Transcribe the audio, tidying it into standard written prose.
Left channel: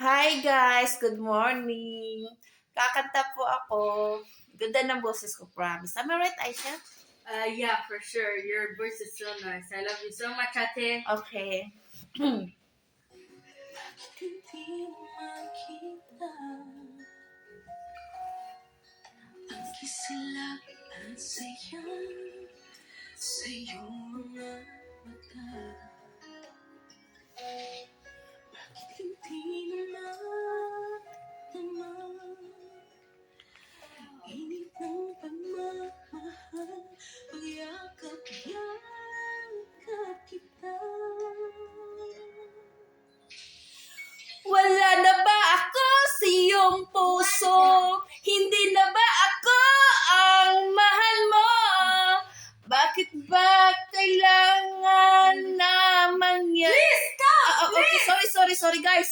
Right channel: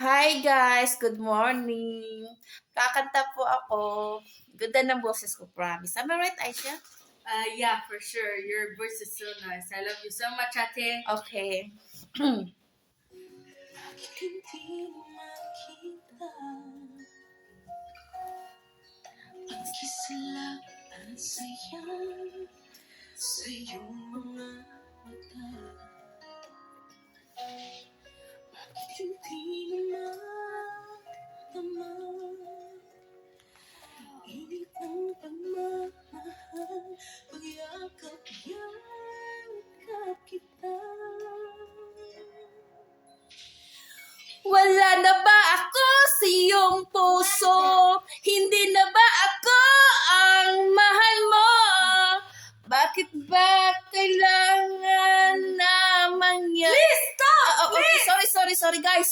Hi guys, good morning. Kakanta po ako. Ganda ng boses ko, promise. Am I right, Aisha? Yeah, for sure. Your voice is so nice. I love you so much, ate. Okay. Sa iyong mga mata, bakit hindi naman init ng pagmamahal, pagyakap kita. Wala na ba ako sa iyong puso? Hindi na ba ako ang mahal mo? Bakit ba kailangan na mangyari? Please stop! Okay, sorry guys.